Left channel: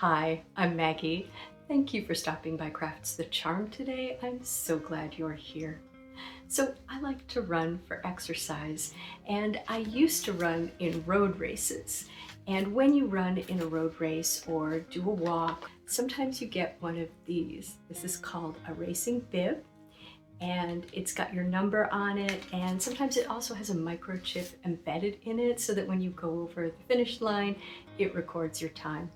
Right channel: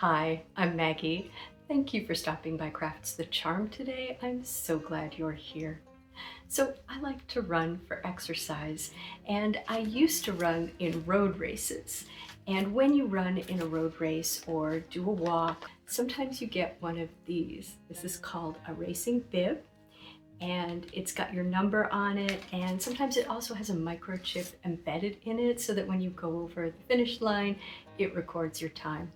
Hi, I'm Maggie. Thank you for stopping by Crafts the Charm today. I'm so glad you're here. So I like to run for exercise, and I used to run in road races. And when you run in a road race or do a walk, sometimes you get one of these. This is called a racing bib, and it's got your number on it, and sometimes it also has a microchip embedded in it so that when you go over the finish line, it records your time.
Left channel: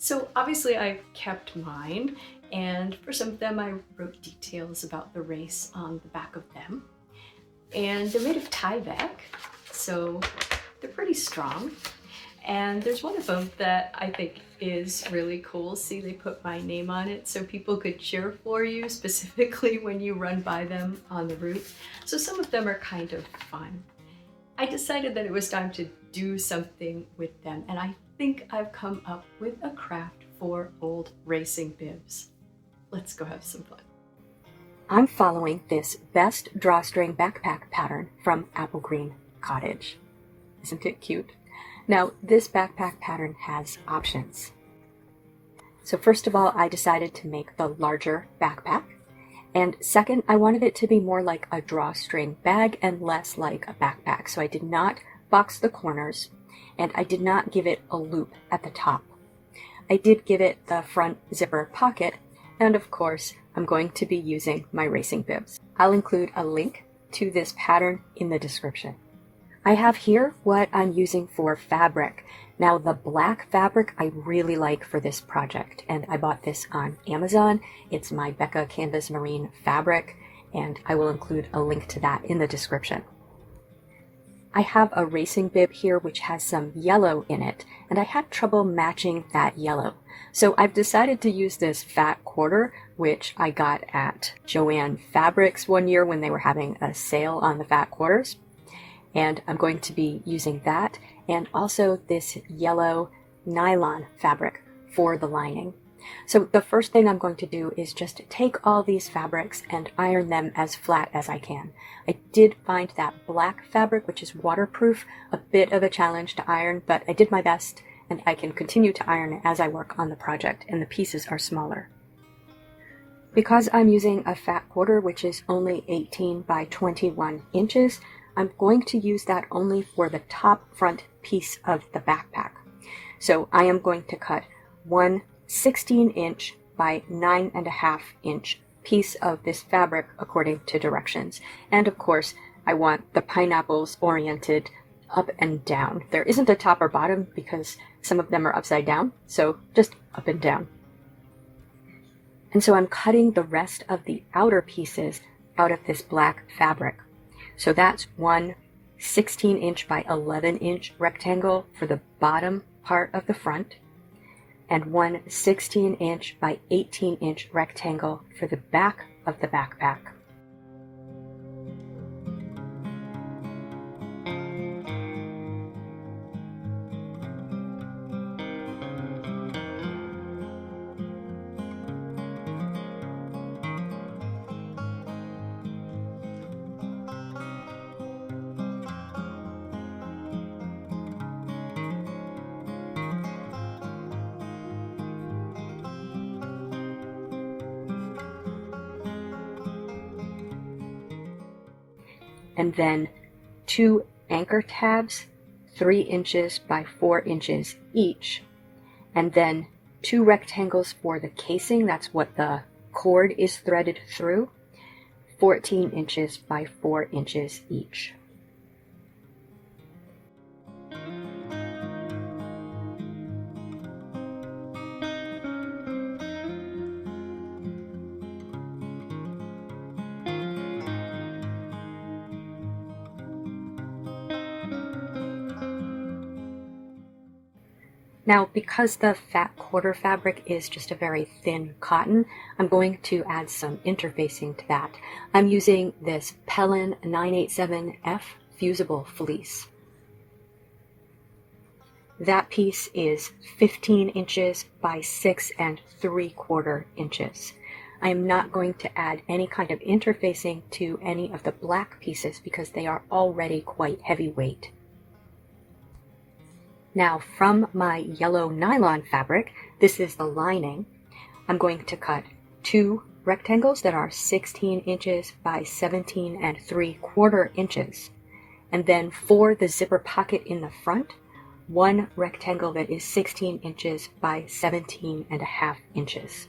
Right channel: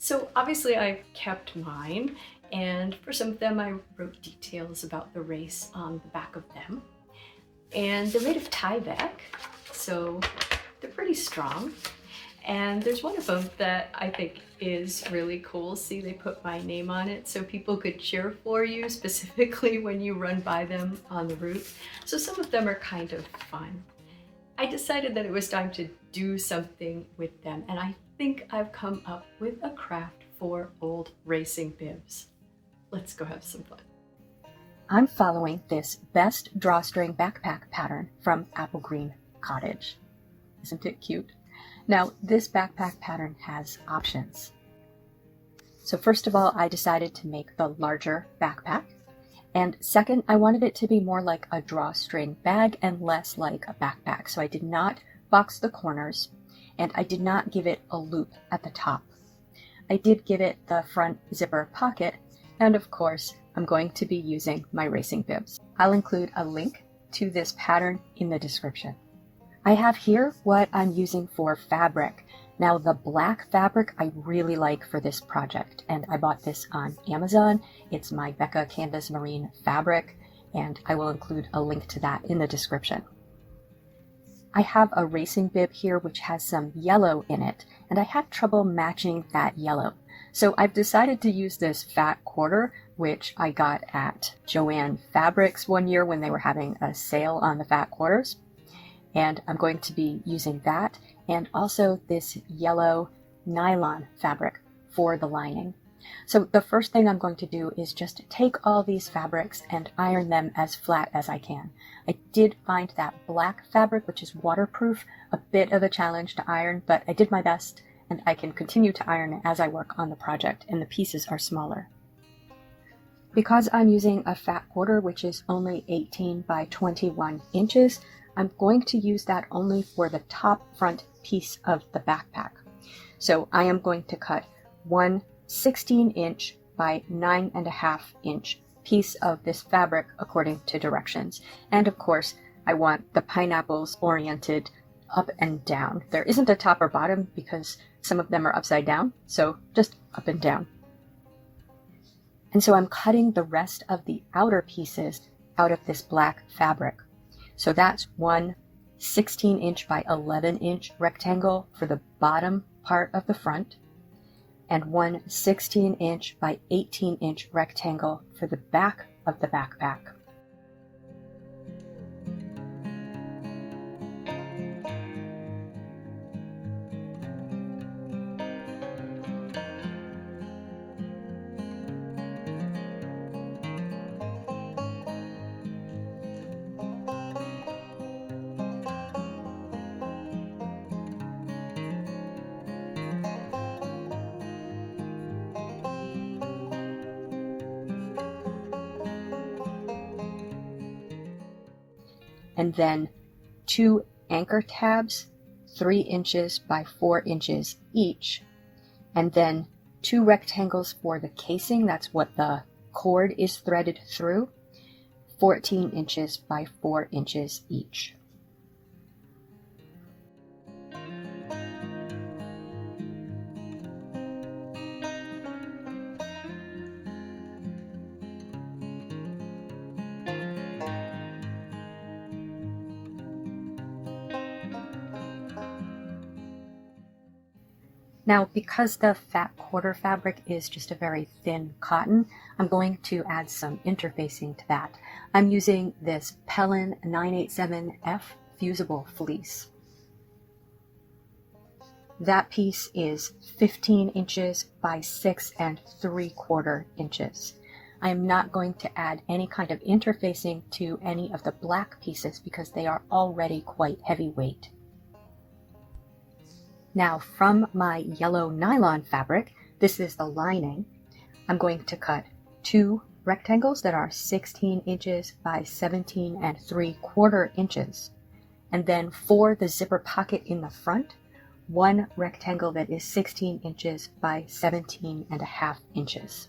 So obviously I kept mine, and for some of them I wrote details about the race on the back of them. And they're made of Tyvek, so they're pretty strong. And there's one of them that I think is really cool. See, they put my name on it so people could cheer for you, specifically when you run by them on the route. So some of them are kind of fun. I decided that it was time to do something with them, and I think I've come up with a craft for old racing bibs. Let's go have some fun. I'm following this best drawstring backpack pattern from Apple Green Cottage. Isn't it cute? Now, this backpack pattern has options. So first of all, I decided to make the larger backpack. And second, I wanted it to be more like a drawstring bag and less like a backpack. So I did not box the corners, and I did not give it a loop at the top. I did give it the front zipper pocket, and of course, I'm going to be using my racing bibs. I'll include a link to this pattern in the description. I have here what I'm using for fabric. Now, the black fabric I really like for this project, and I bought this on Amazon. It's my Becca Canvas Marine fabric, and I will include a link to that in the description. I have a racing bib here which has some yellow in it, and I had trouble matching that yellow. So I've decided to use this fat quarter, which I got at Joann Fabrics one year when they were having a sale on the fat quarters. And I'm going to be using that, and also this yellow nylon fabric for the lining. So the first thing I'm going to do is just take all these fabrics and iron them as flat as I can. I did find that black fabric, which is waterproof, a bit of a challenge to iron, but I did my best, and I can continue to iron as I work on the project, and the pieces are smaller. Because I'm using a fat quarter, which is only 18 by 21 inches, I'm going to use that only for the top front piece of the backpack. So I am going to cut one 16-inch by 9.5 inch piece of this fabric according to directions. And of course, I want the pineapples oriented up and down. There isn't a top or bottom because some of them are upside down, so just up and down. And so I'm cutting the rest of the outer pieces out of this black fabric. So that's one 16-inch by 11-inch rectangle for the bottom part of the front, and one 16-inch by 18-inch rectangle for the back of the backpack. And then 2 anchor tabs, 3 inches by 4 inches each, and then 2 rectangles for the casing, that's what the cord is threaded through, 14 inches by 4 inches each. Now, because the fat quarter fabric is just a very thin cotton, I'm going to add some interfacing to that. I'm using this Pellin 987F fusible fleece. That piece is 15 inches by 6.75 inches. I am not going to add any kind of interfacing to any of the black pieces because they are already quite heavyweight. Now from my yellow nylon fabric, this is the lining, I'm going to cut 2 rectangles that are 16 inches by 17 3/4 inches. And then for the zipper pocket in the front, 1 rectangle that is 16 inches by 17.5 inches.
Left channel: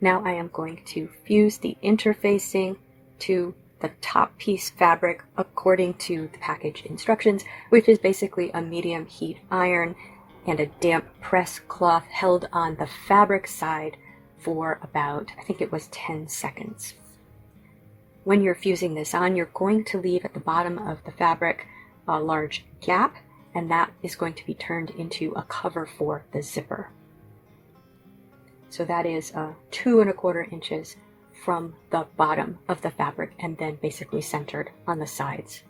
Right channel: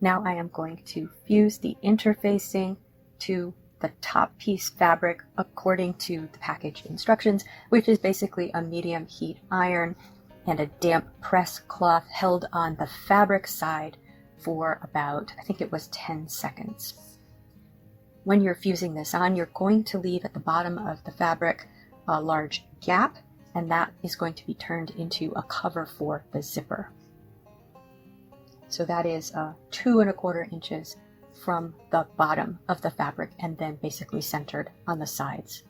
Now I am going to fuse the interfacing to the top piece fabric according to the package instructions, which is basically a medium heat iron and a damp press cloth held on the fabric side for about, I think it was 10 seconds. When you're fusing this on, you're going to leave at the bottom of the fabric a large gap, and that is going to be turned into a cover for the zipper. So that is 2¼ inches from the bottom of the fabric and then basically centered on the sides.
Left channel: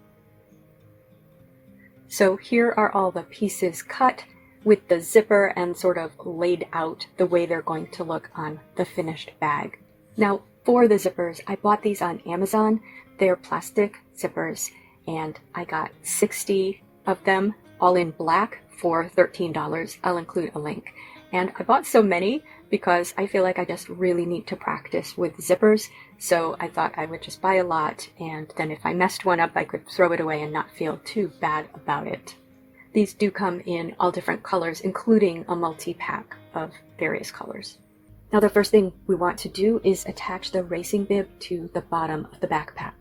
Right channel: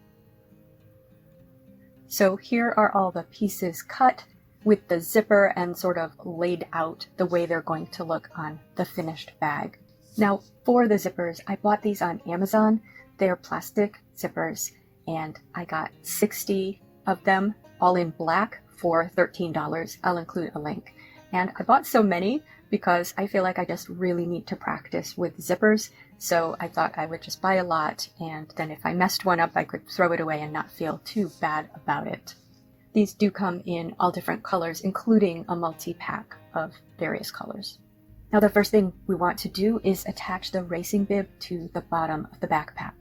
So here are all the pieces cut with the zipper and sort of laid out the way they're going to look on the finished bag. Now for the zippers, I bought these on Amazon. They're plastic zippers and I got 60 of them all in black for $13. I'll include a link. And I bought so many because I feel like I just really need to practice with zippers. So I thought I would just buy a lot, and then if I messed one up, I could throw it away and not feel too bad about it. These do come in all different colors, including a multi-pack of various colors. Now the first thing we want to do is attach the racing bib to the bottom of the backpack.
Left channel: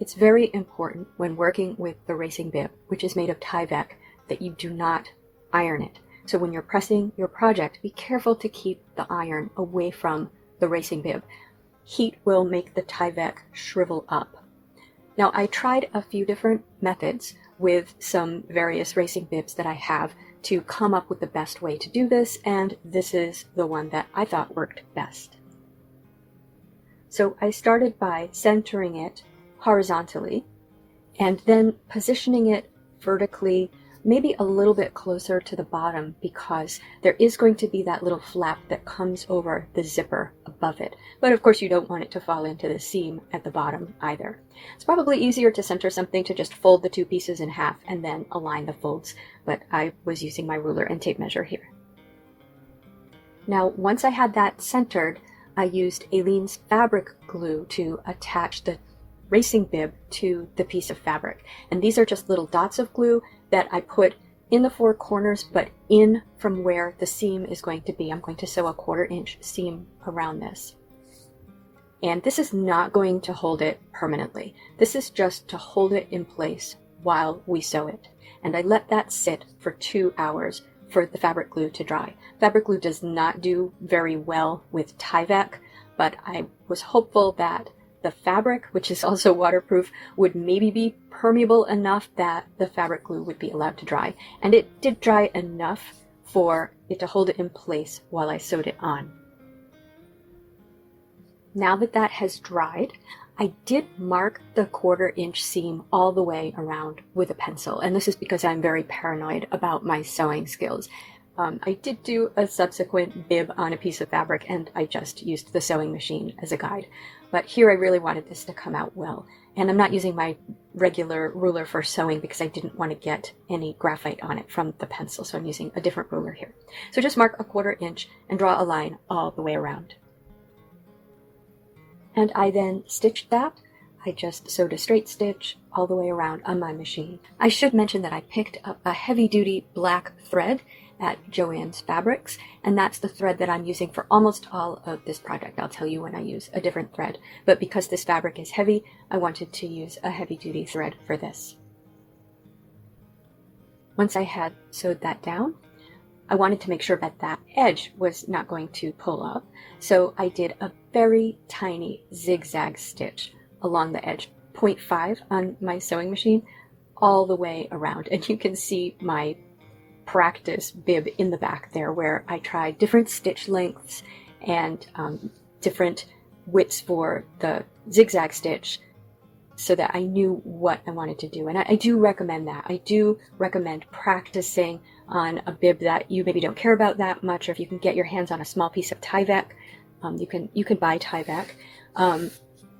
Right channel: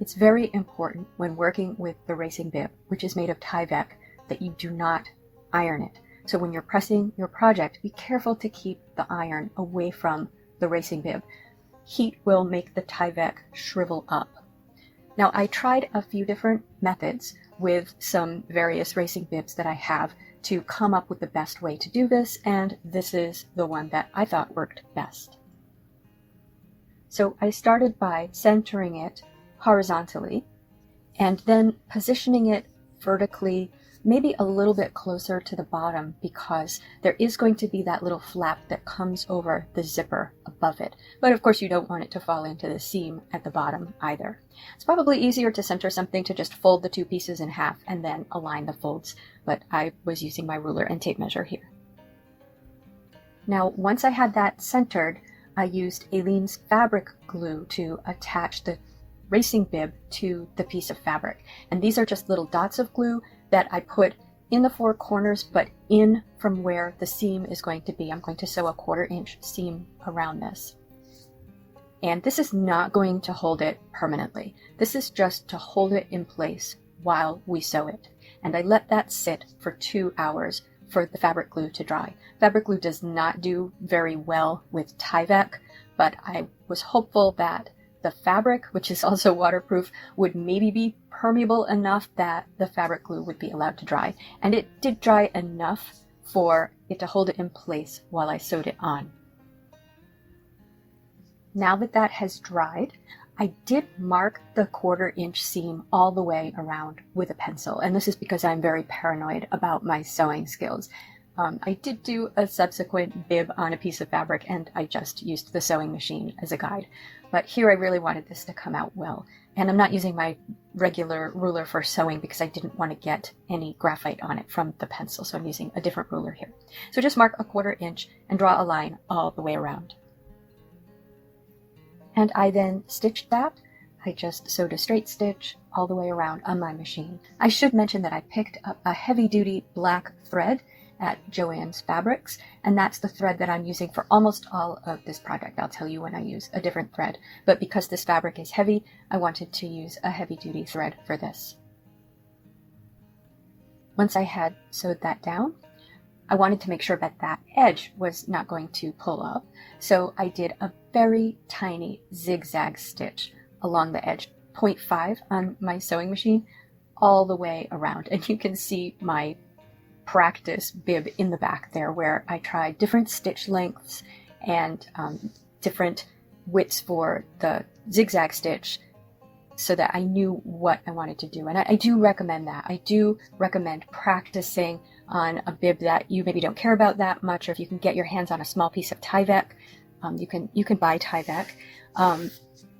It's very important when working with the racing bib, which is made of Tyvek, that you do not iron it. So when you're pressing your project, be careful to keep the iron away from the racing bib. Heat will make the Tyvek shrivel up. Now I tried a few different methods with some various racing bibs that I have to come up with the best way to do this, and this is the one that I thought worked best. So I started by centering it horizontally and then positioning it vertically, maybe a little bit closer to the bottom, because there is going to be that little flap that comes over the zipper above it. But of course you don't want it to fall into the seam at the bottom either. It's probably easier to center something to just fold the 2 pieces in half and then align the folds, but I was using my ruler and tape measure here. Now once I had that centered, I used Aleen's fabric glue to attach the racing bib to the piece of fabric. And these are just little dots of glue that I put in the 4 corners, but in from where the seam is going to be. I'm going to sew a 1/4 inch seam around this. And this is not going to hold it permanently. This is just to hold it in place while we sew it. And I let that sit for 2 hours for the fabric glue to dry. Fabric glue does not do very well with Tyvek, but I was hopeful that the fabric, which is also waterproof, would maybe be permeable enough that the fabric glue would be allowed to dry. And it did dry enough for it to hold it in place while I sewed it on. Now that that has dried, I did mark the 1/4 inch seam all the way around with a pencil. And this is because I'm very paranoid about my sewing skills. I did do a subsequent bib on a piece of fabric and I just used the sewing machine as a guide. But here I really wanted this to come out well. And I'm not using my regular ruler for sewing because I didn't want to get any graphite on it from the pencil. So I'm using a different ruler here. So just mark a 1/4 inch and draw a line all the way around. And I then stitched that. I just sewed a straight stitch all the way around on my machine. I should mention that I picked up a heavy-duty black thread at Joann's Fabrics, and that's the thread that I'm using for almost all of this project. I'll tell you when I use a different thread, but because this fabric is heavy, I wanted to use a heavy-duty thread for this. Once I had sewed that down, I wanted to make sure that that edge was not going to pull up, so I did a very tiny zigzag stitch along the edge, 0.5 on my sewing machine, all the way around, and you can see my practice bib in the back there where I tried different stitch lengths and different widths for the zigzag stitch so that I knew what I wanted to do. And I do recommend that. I do recommend practicing on a bib that you maybe don't care about that much, or if you can get your hands on a small piece of Tyvek, you can buy Tyvek,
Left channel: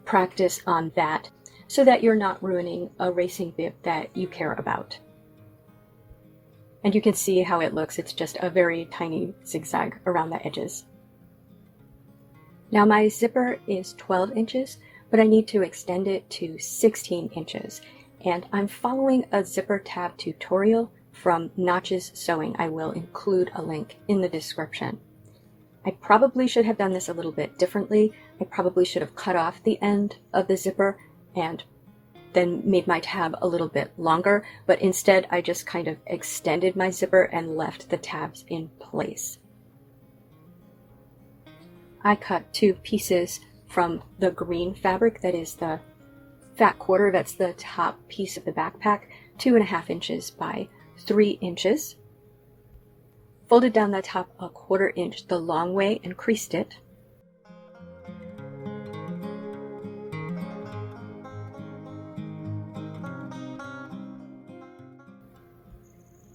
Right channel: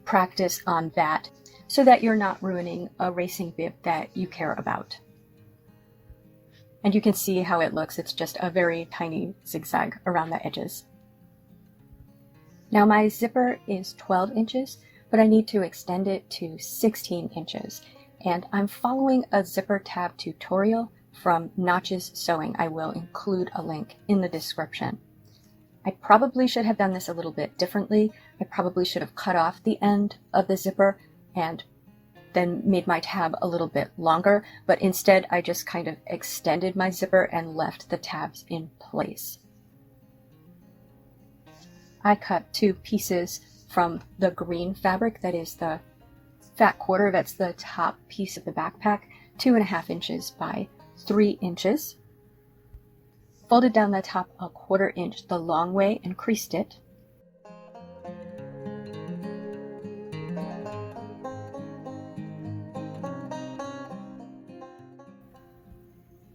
practice on that so that you're not ruining a racing bib that you care about. And you can see how it looks. It's just a very tiny zigzag around the edges. Now my zipper is 12 inches, but I need to extend it to 16 inches. And I'm following a zipper tab tutorial from Notches Sewing. I will include a link in the description. I probably should have done this a little bit differently. I probably should have cut off the end of the zipper and then made my tab a little bit longer, but instead I just kind of extended my zipper and left the tabs in place. I cut 2 pieces from the green fabric, that is the fat quarter, that's the top piece of the backpack, 2.5 inches by 3 inches. Folded down the top a 1/4 inch the long way and creased it.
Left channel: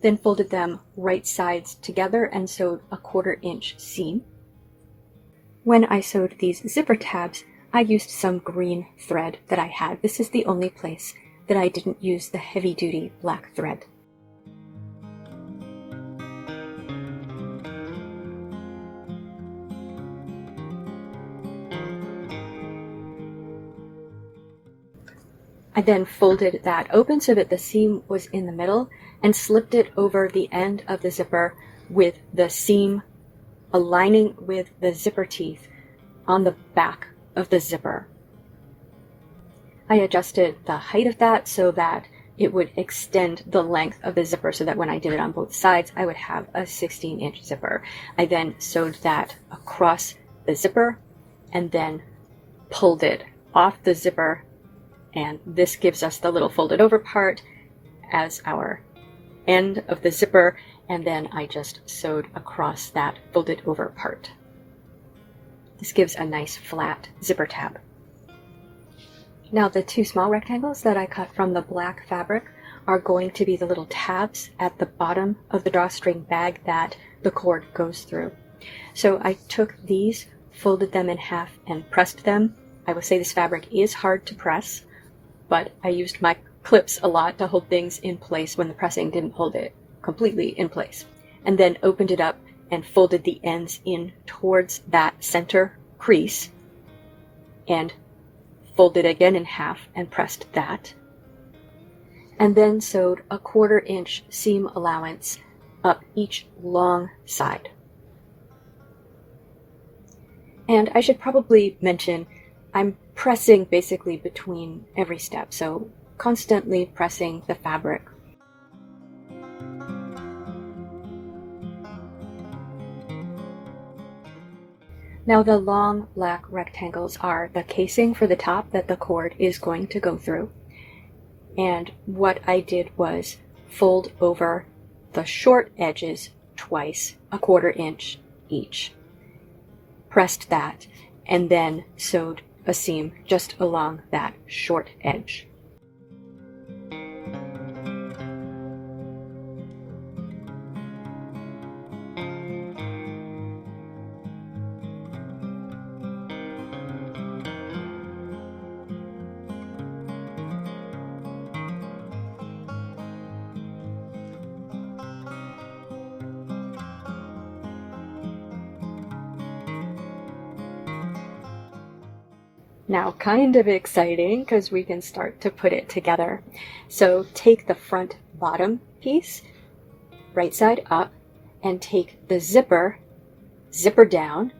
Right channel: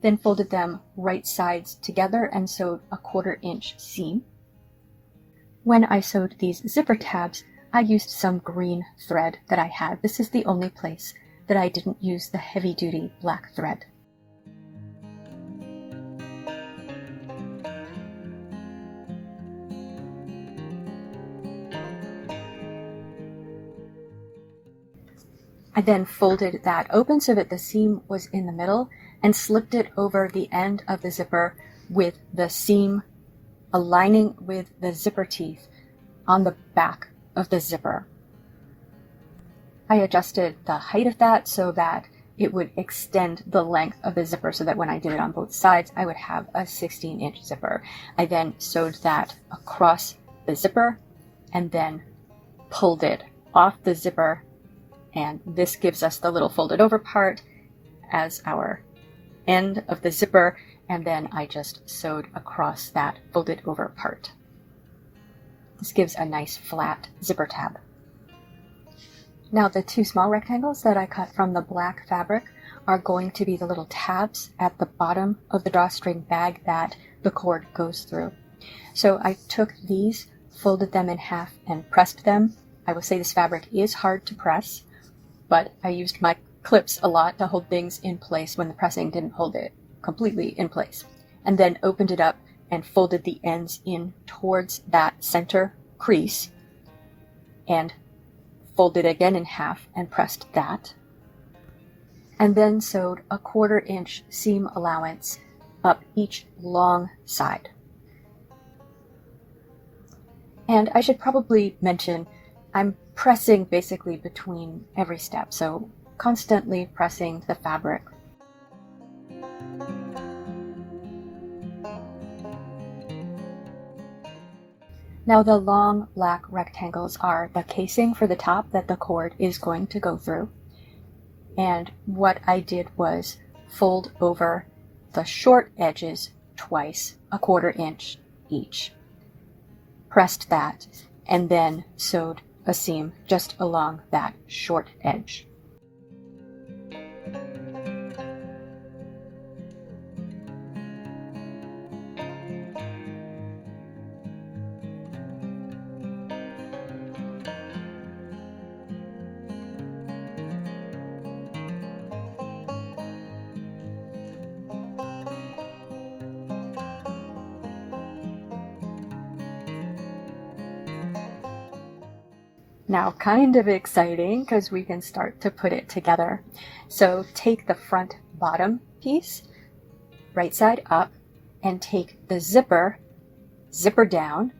Then folded them right sides together and sewed a 1/4 inch seam. When I sewed these zipper tabs, I used some green thread that I had. This is the only place that I didn't use the heavy-duty black thread. I then folded that open so that the seam was in the middle and slipped it over the end of the zipper with the seam aligning with the zipper teeth on the back of the zipper. I adjusted the height of that so that it would extend the length of the zipper so that when I did it on both sides, I would have a 16-inch zipper. I then sewed that across the zipper and then pulled it off the zipper, and this gives us the little folded over part as our end of the zipper, and then I just sewed across that folded over part. This gives a nice flat zipper tab. Now the 2 small rectangles that I cut from the black fabric are going to be the little tabs at the bottom of the drawstring bag that the cord goes through. So I took these, folded them in half and pressed them. I will say this fabric is hard to press, but I used my clips a lot to hold things in place when the pressing didn't hold it completely in place. And then opened it up and folded the ends in towards that center crease and folded again in half and pressed that. And then sewed a 1/4 inch seam allowance up each long side. And I should probably mention, I'm pressing basically between every step, so constantly pressing the fabric. Now the long black rectangles are the casing for the top that the cord is going to go through. And what I did was fold over the short edges twice, a 1/4 inch each. Pressed that, and then sewed a seam just along that short edge. Now, kind of exciting because we can start to put it together. So take the front bottom piece, right side up, and take the zipper down,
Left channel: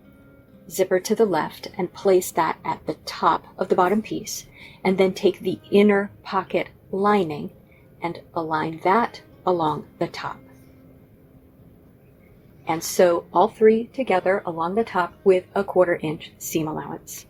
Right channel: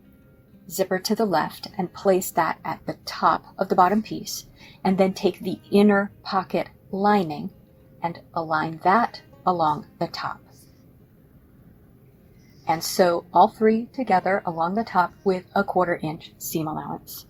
zipper to the left, and place that at the top of the bottom piece. And then take the inner pocket lining and align that along the top. And sew all 3 together along the top with a 1/4 inch seam allowance.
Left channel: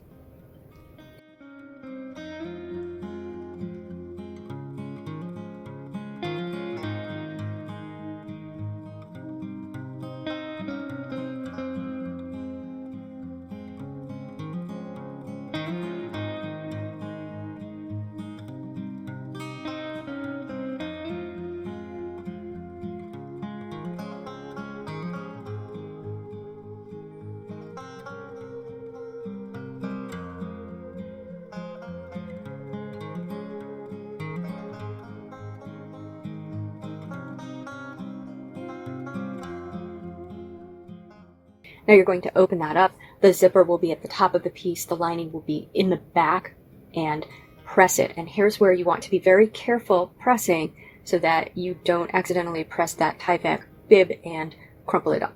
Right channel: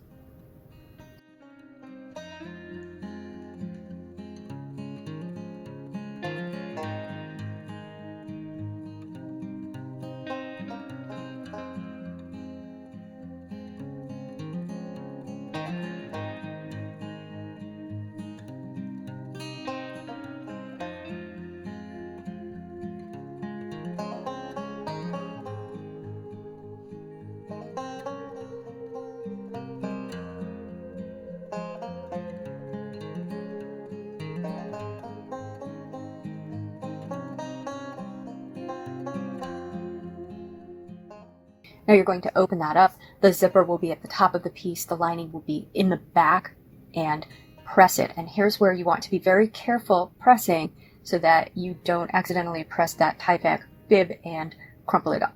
Now you're going to open that up. The zipper will be at the top of the piece. The lining will be in the back, and press it. And here's where you want to be very careful pressing so that you don't accidentally press that tie back bib and crumple it up.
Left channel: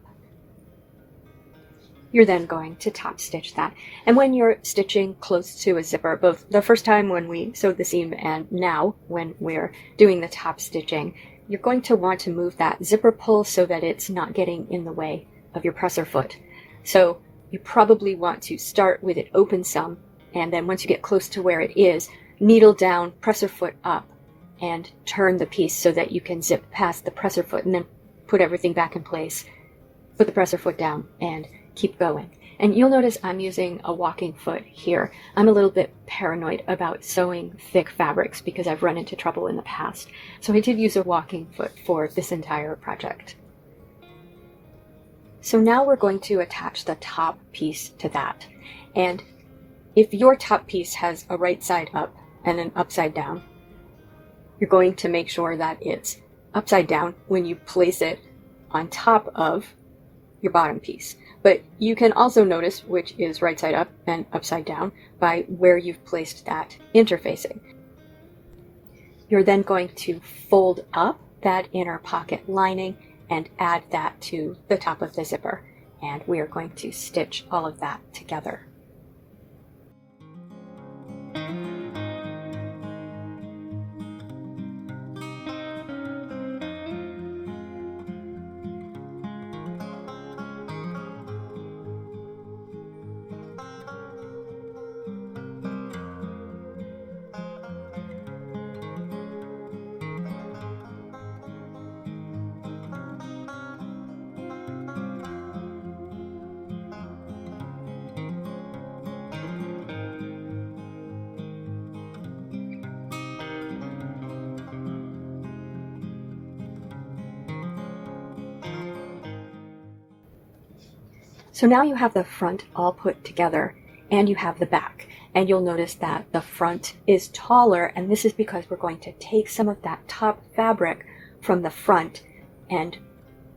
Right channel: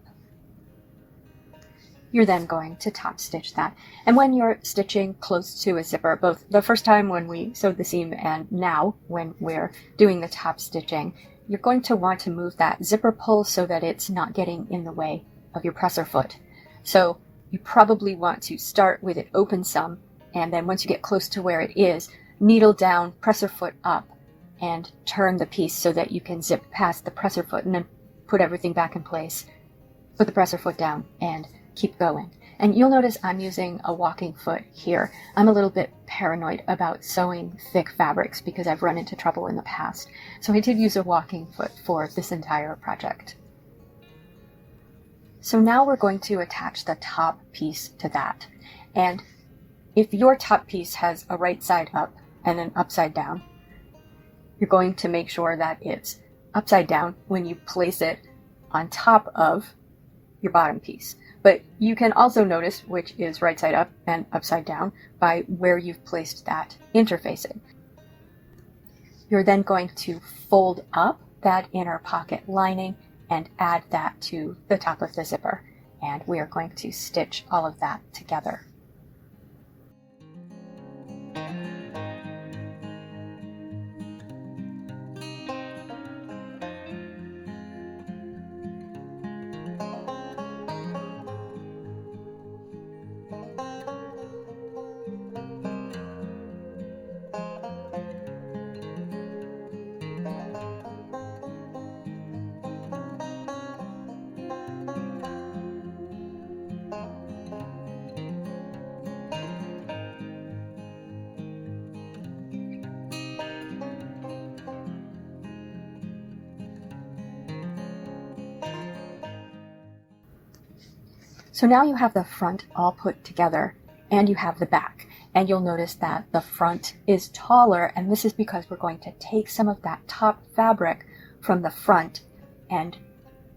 You're then going to top stitch that. And when you're stitching close to a zipper, both the first time when we sewed the seam and now when we're doing the top stitching, you're going to want to move that zipper pull so that it's not getting in the way of your presser foot. So you probably want to start with it open some, and then once you get close to where it is, needle down, presser foot up, and turn the piece so that you can zip past the presser foot, and then put everything back in place, put the presser foot down, and keep going. And you'll notice I'm using a walking foot here. I'm a little bit paranoid about sewing thick fabrics because I've run into trouble in the past. So I did use a walking foot for this entire project. So now we're going to attach the top piece to that. And if your top piece has a right side up and an upside down, you're going to make sure that it's upside down when you place it on top of your bottom piece. But you can also notice which is right side up and upside down by where you've placed that interfacing. You're then going to fold up that inner pocket lining and add that to the top of the zipper. And we are going to stitch all of that together. So now you have the front all put together and you have the back, and you'll notice that the front is taller, and this is because we're going to take some of that top fabric from the front and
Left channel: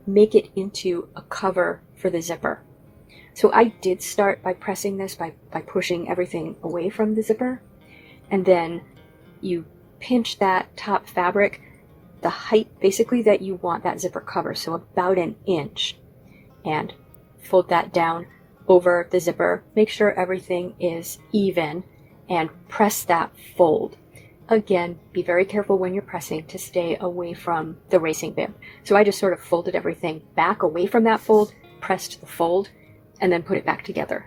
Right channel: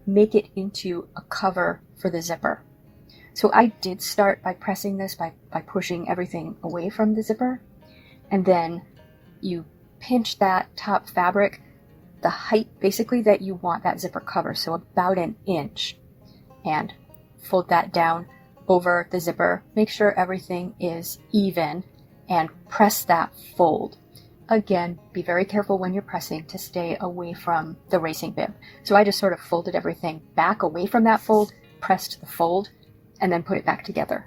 make it into a cover for the zipper. So I did start by pressing this by pushing everything away from the zipper, and then you pinch that top fabric the height basically that you want that zipper cover, so about an inch, and fold that down over the zipper. Make sure everything is even and press that fold. Again, be very careful when you're pressing to stay away from the racing bib. So I just sort of folded everything back away from that fold, pressed the fold, and then put it back together.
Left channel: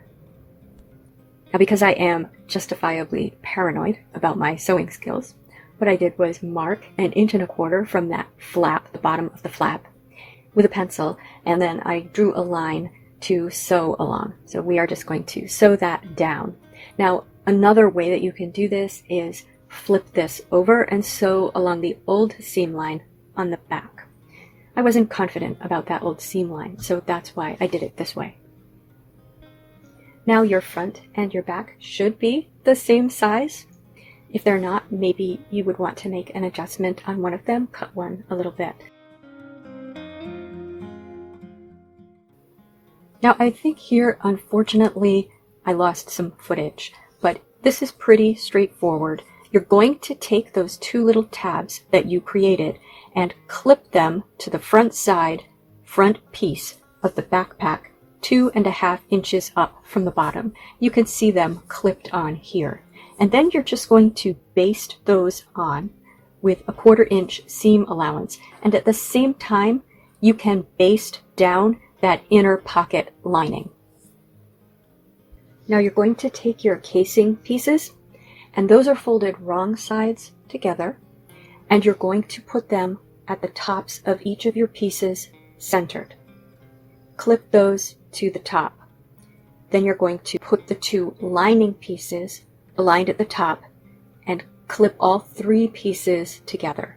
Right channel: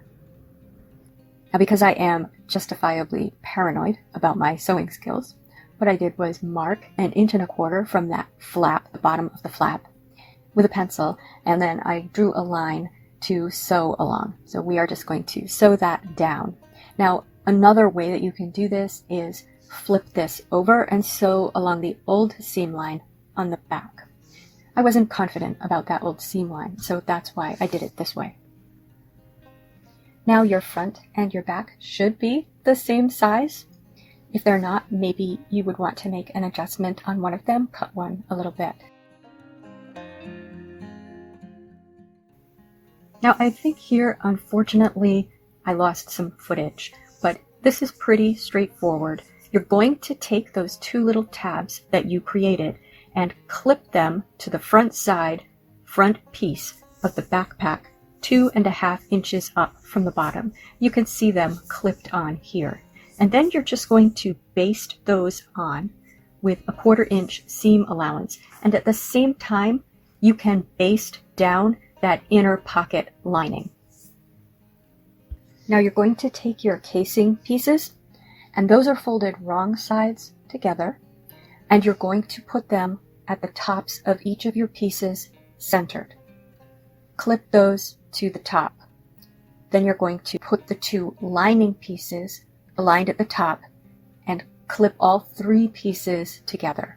Now, because I am justifiably paranoid about my sewing skills, what I did was mark 1.25 inches from that flap, the bottom of the flap, with a pencil, and then I drew a line to sew along. So we are just going to sew that down. Now, another way that you can do this is flip this over and sew along the old seam line on the back. I wasn't confident about that old seam line, so that's why I did it this way. Now your front and your back should be the same size. If they're not, maybe you would want to make an adjustment on one of them, cut one a little bit. Now I think here, unfortunately, I lost some footage, but this is pretty straightforward. You're going to take those two little tabs that you created and clip them to the front side, front piece of the backpack, 2.5 inches up from the bottom. You can see them clipped on here. And then you're just going to baste those on with a 1/4 inch seam allowance. And at the same time, you can baste down that inner pocket lining. Now you're going to take your casing pieces, and those are folded wrong sides together, and you're going to put them at the tops of each of your pieces centered. Clip those to the top. Then you're going to put the two lining pieces aligned at the top and clip all 3 pieces together.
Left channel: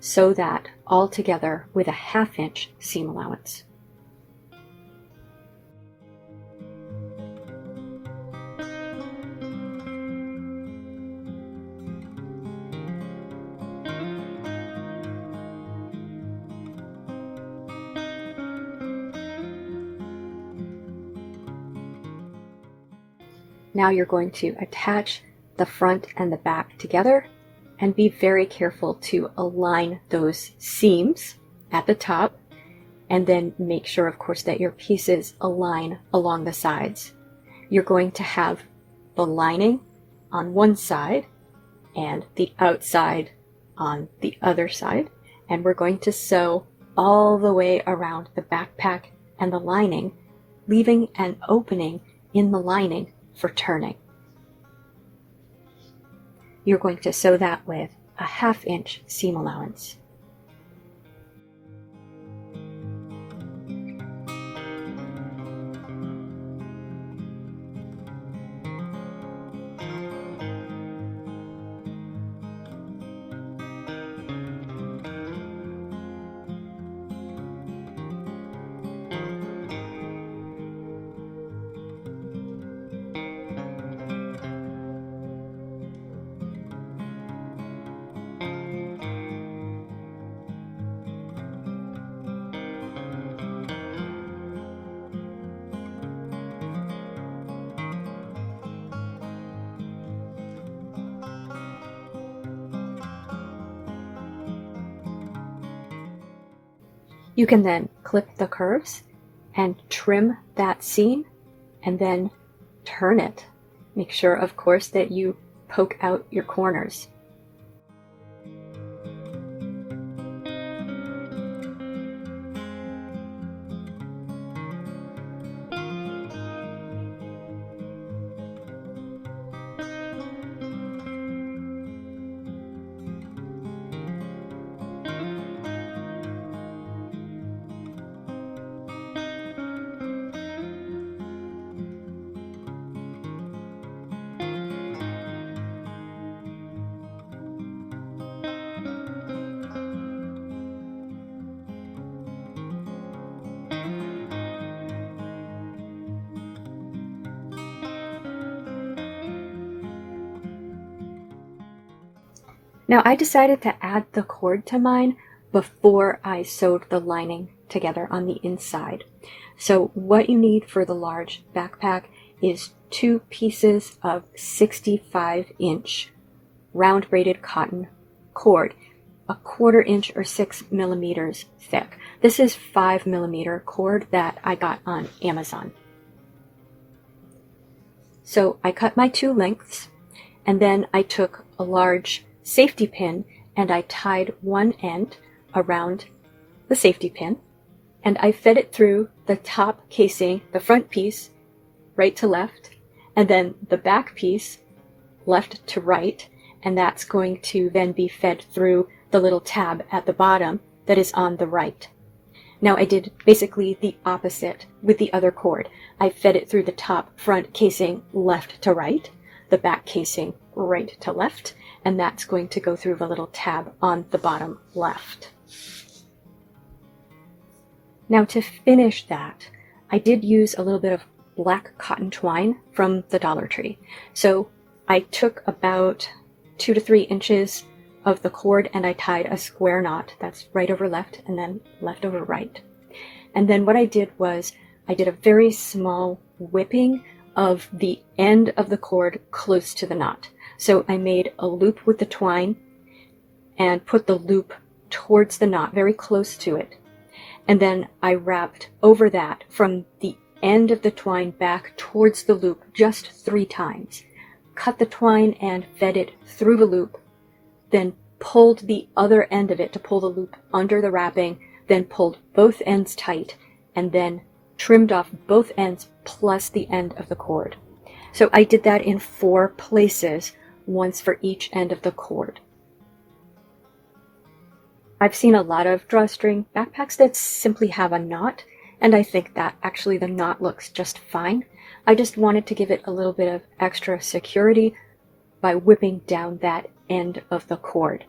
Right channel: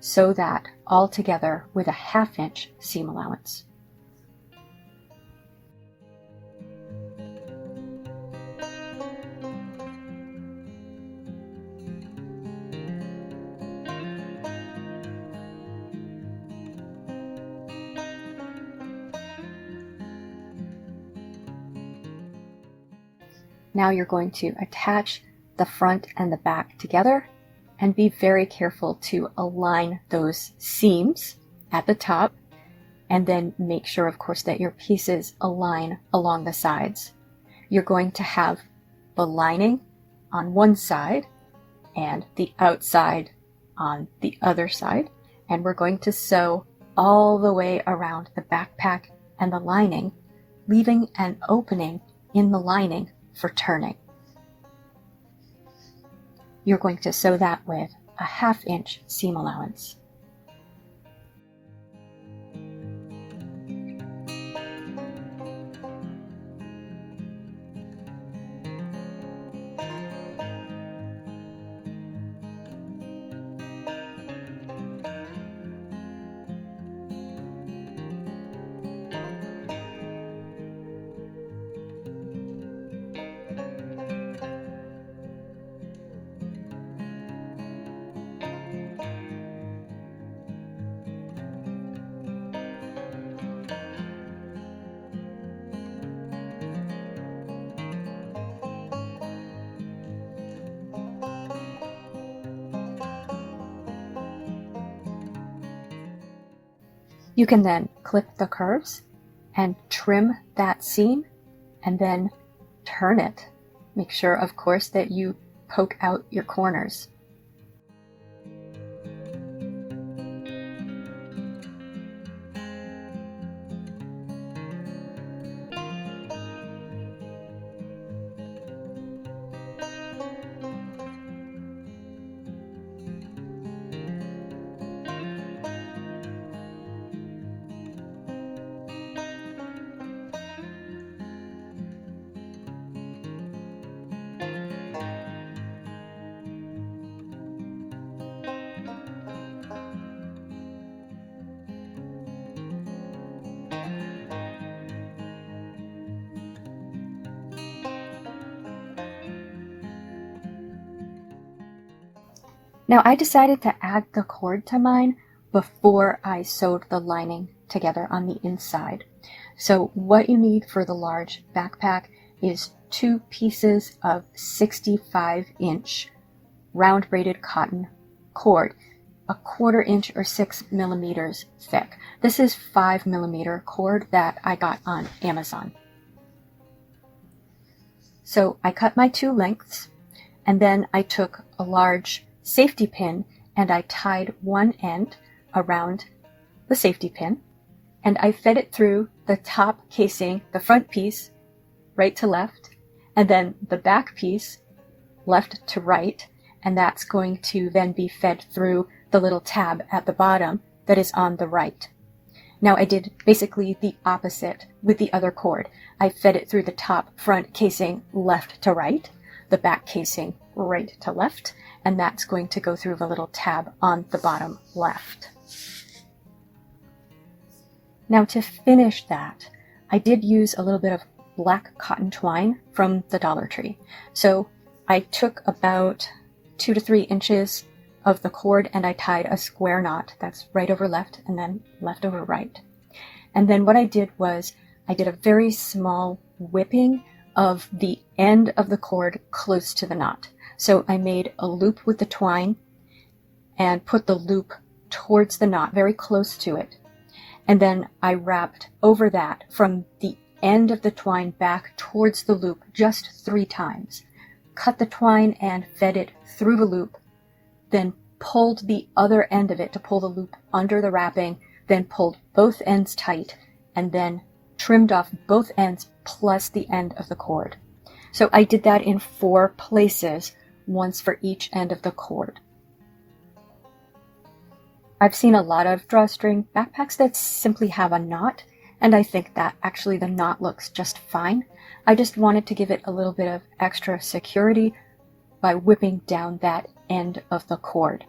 Sew that all together with a 1/2 inch seam allowance. Now you're going to attach the front and the back together and be very careful to align those seams at the top, and then make sure, of course, that your pieces align along the sides. You're going to have the lining on one side and the outside on the other side, and we're going to sew all the way around the backpack and the lining, leaving an opening in the lining for turning. You're going to sew that with a 1/2 inch seam allowance. You can then clip the curves and trim that seam and then turn it. Make sure, of course, that you poke out your corners. Now I decided to add the cord to mine before I sewed the lining together on the inside. So what you need for the large backpack is 2 pieces of 65-inch round braided cotton cord, a 1/4 inch or 6 millimeters thick. This is 5 millimeter cord that I got on Amazon. So I cut my 2 lengths, and then I took a large safety pin and I tied one end around the safety pin, and I fed it through the top casing, the front piece, right to left, and then the back piece, left to right, and that's going to then be fed through the little tab at the bottom that is on the right. Now I did basically the opposite with the other cord. I fed it through the top front casing left to right, the back casing right to left, and that's going to go through the little tab on the bottom left. Now to finish that, I did use a little bit of black cotton twine from the Dollar Tree. So I took about 2 to 3 inches of the cord and I tied a square knot. That's right over left and then left over right. And then what I did was I did a very small whipping of the end of the cord close to the knot. So I made a loop with the twine and put the loop towards the knot, very close to it. And then I wrapped over that from the end of the twine back towards the loop just 3 times. Cut the twine and fed it through the loop, then pulled the other end of it to pull the loop under the wrapping, then pulled both ends tight, and then trimmed off both ends plus the end of the cord. So I did that in 4 places, once for each end of the cord. I've seen a lot of drawstring backpacks that simply have a knot, and I think that actually the knot looks just fine. I just wanted to give it a little bit of extra security by whipping down that end of the cord.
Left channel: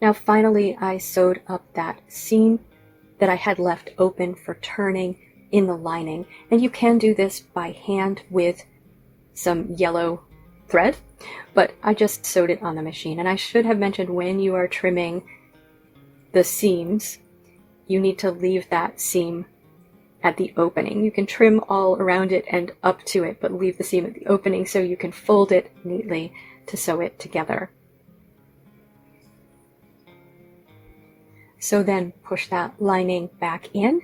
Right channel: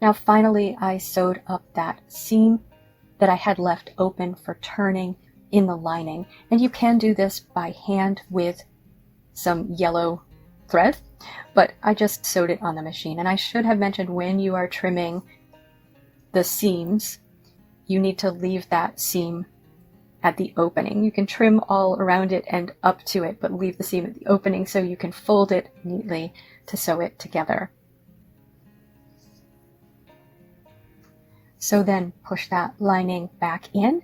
Now finally I sewed up that seam that I had left open for turning in the lining, and you can do this by hand with some yellow thread, but I just sewed it on the machine. And I should have mentioned, when you are trimming the seams, you need to leave that seam at the opening. You can trim all around it and up to it, but leave the seam at the opening so you can fold it neatly to sew it together. So then push that lining back in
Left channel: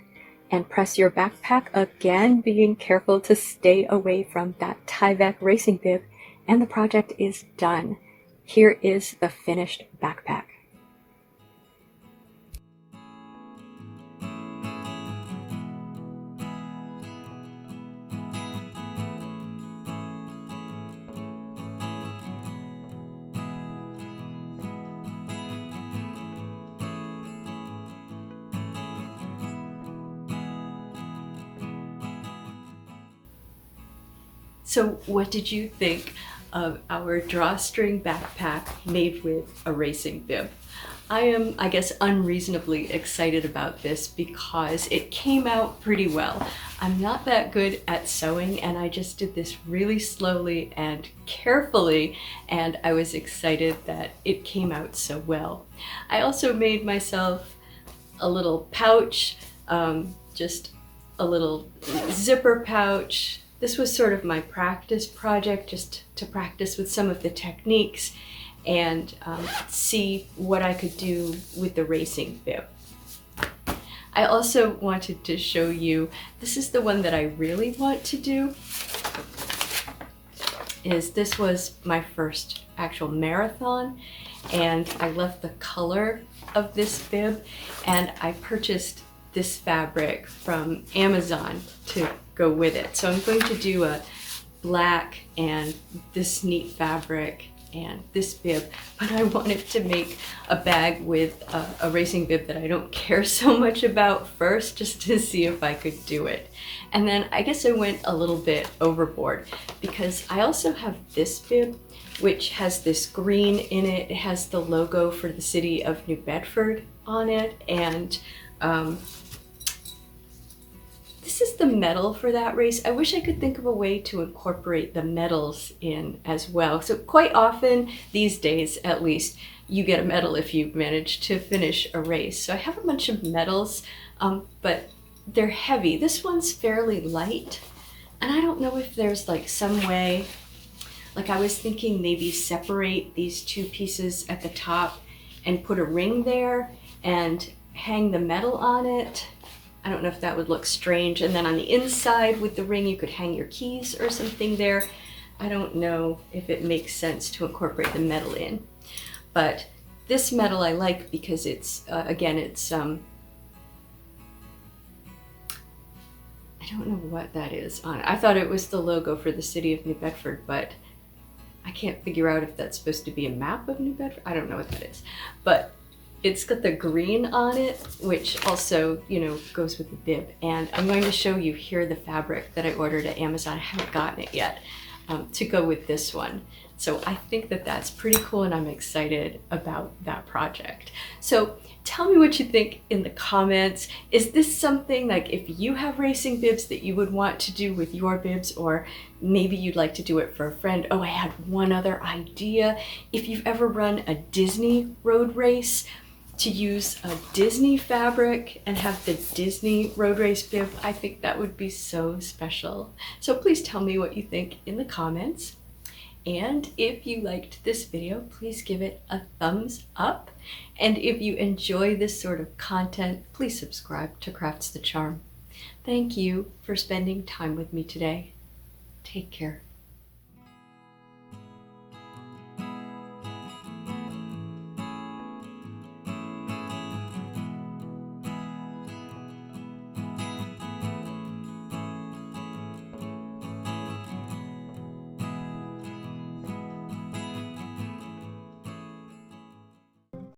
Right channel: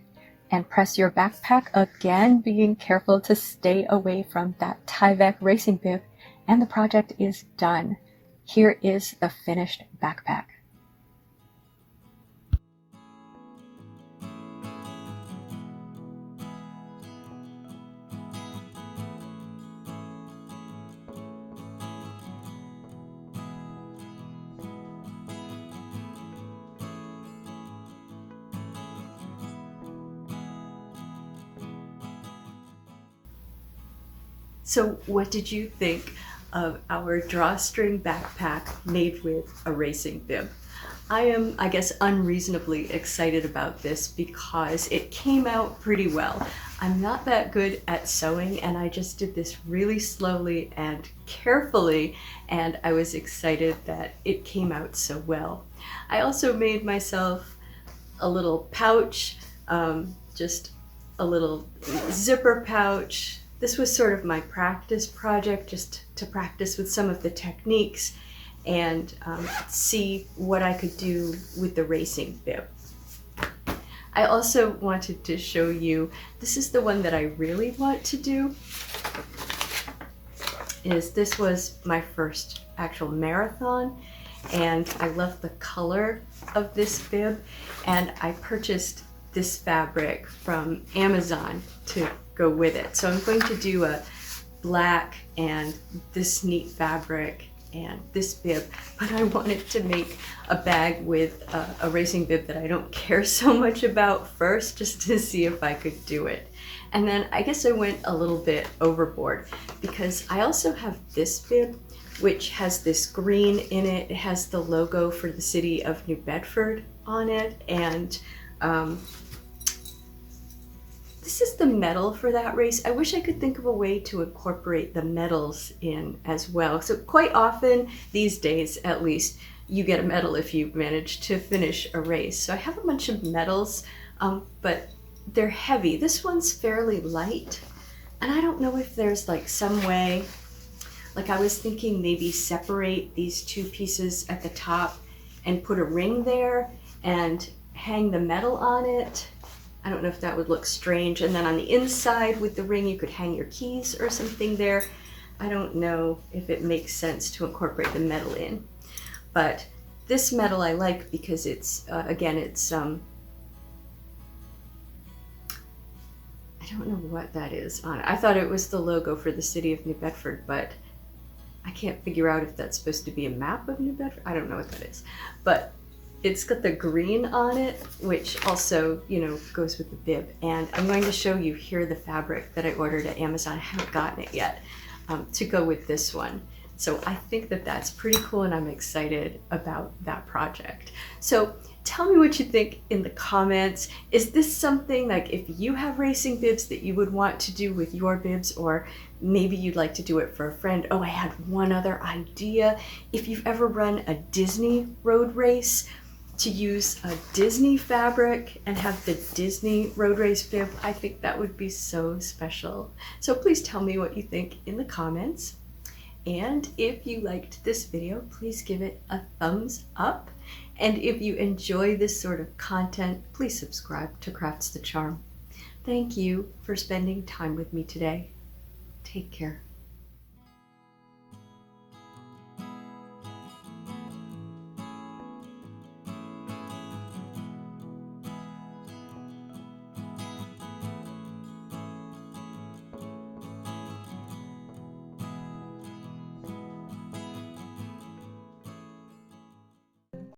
and press your backpack again, being careful to stay away from that Tyvek racing bib, and the project is done. Here is the finished backpack. So what did you think of our drawstring backpack made with a racing bib? I am, I guess, unreasonably excited about this because it came out pretty well. I'm not that good at sewing, and I just did this really slowly and carefully, and I was excited that it came out so well. I also made myself a little pouch, just a little zipper pouch. This was sort of my practice project, just to practice with some of the techniques and see what I could do with the racing bib. I also wanted to show you, this is the one that I really want to do, this was my first actual marathon, and I love the color of this bib, and I purchased this fabric from Amazon to go with it. So I'm going to do a black and this neat fabric and this bib, but I wanted to make a bag with a racing bib that I don't care so much about first, just to see if I could do it. And then I guess I went a little bit overboard because I also have this bib, which has this green in it. It has the logo for the city of New Bedford on it, and this is the medal for that race. I wish I could think of a way to incorporate the medals in as well. So quite often, these days at least, you get a medal if you manage to finish a race. So I have a bunch of medals, but they're heavy. This one's fairly light, and I don't know if there's like some way, like I was thinking maybe separate these two pieces at the top and put a ring there and hang the medal on it. I don't know if that would look strange. And then on the inside with the ring, you could hang your keys or something there. I don't know if it makes sense to incorporate the medal in. But this medal I like because it's, again, it's, I don't know what that is on it. I thought it was the logo for the city of New Bedford, but I can't figure out if that's supposed to be a map of New Bedford. I don't know what that is. But it's got the green on it, which also, you know, goes with the bib. And I'm going to show you here the fabric that I ordered at Amazon. I haven't gotten it yet, to go with this one. So I think that that's pretty cool, and I'm excited about that project. So tell me what you think in the comments. Is this something, like, if you have racing bibs, that you would want to do with your bibs, or maybe you'd like to do it for a friend? Oh, I had one other idea. If you've ever run a Disney road race, to use a Disney fabric and have the Disney road race bib, I think that would be so special. So please tell me what you think in the comments. And if you liked this video, please give it a thumbs up. And if you enjoy this sort of content, please subscribe to Crafts the Charm. Thank you for spending time with me today. Take care.